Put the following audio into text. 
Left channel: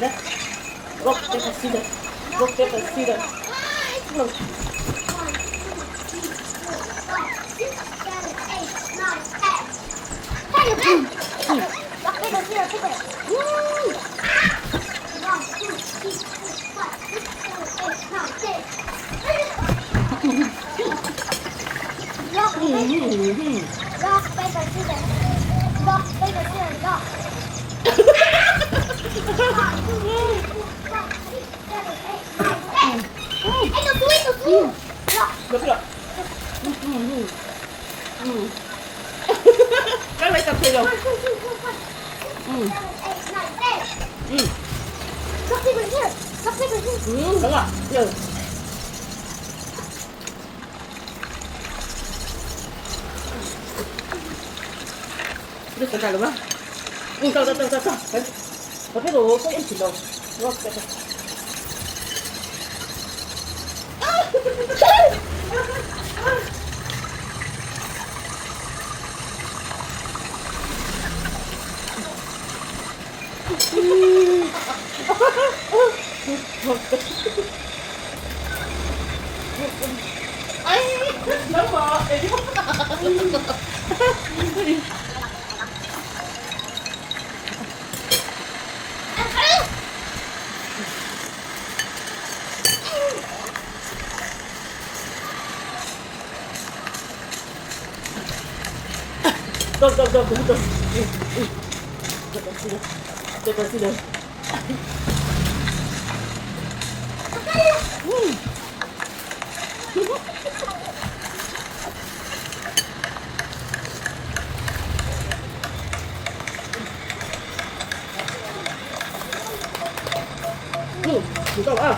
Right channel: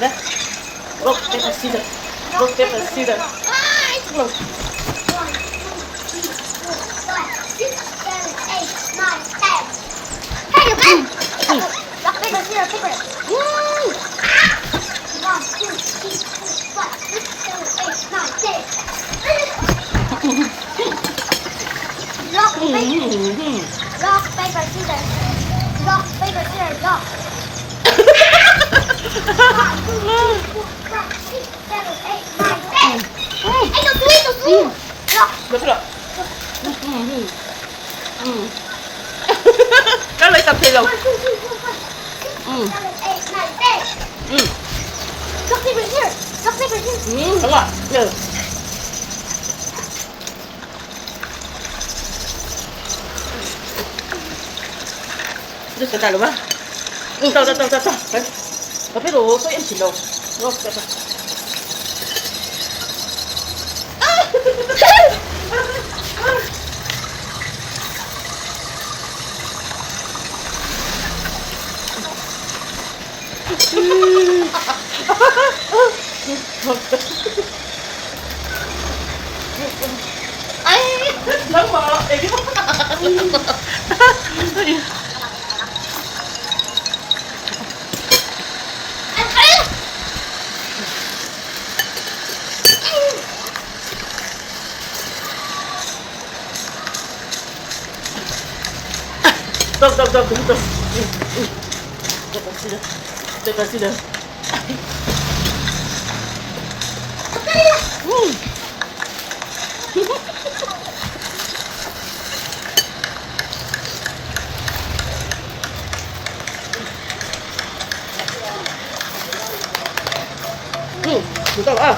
来，rock paper scissors, rock paper scissors. Rock. được rồi. Nó lấy tập thể dục. Đúng rồi. Được. Được cái luôn á. Tao. Đấy. Có biết đồ số em chỉ đồ. Đúng không? Ay, nắng mờ. Tông. Để con xin được. Chúng ta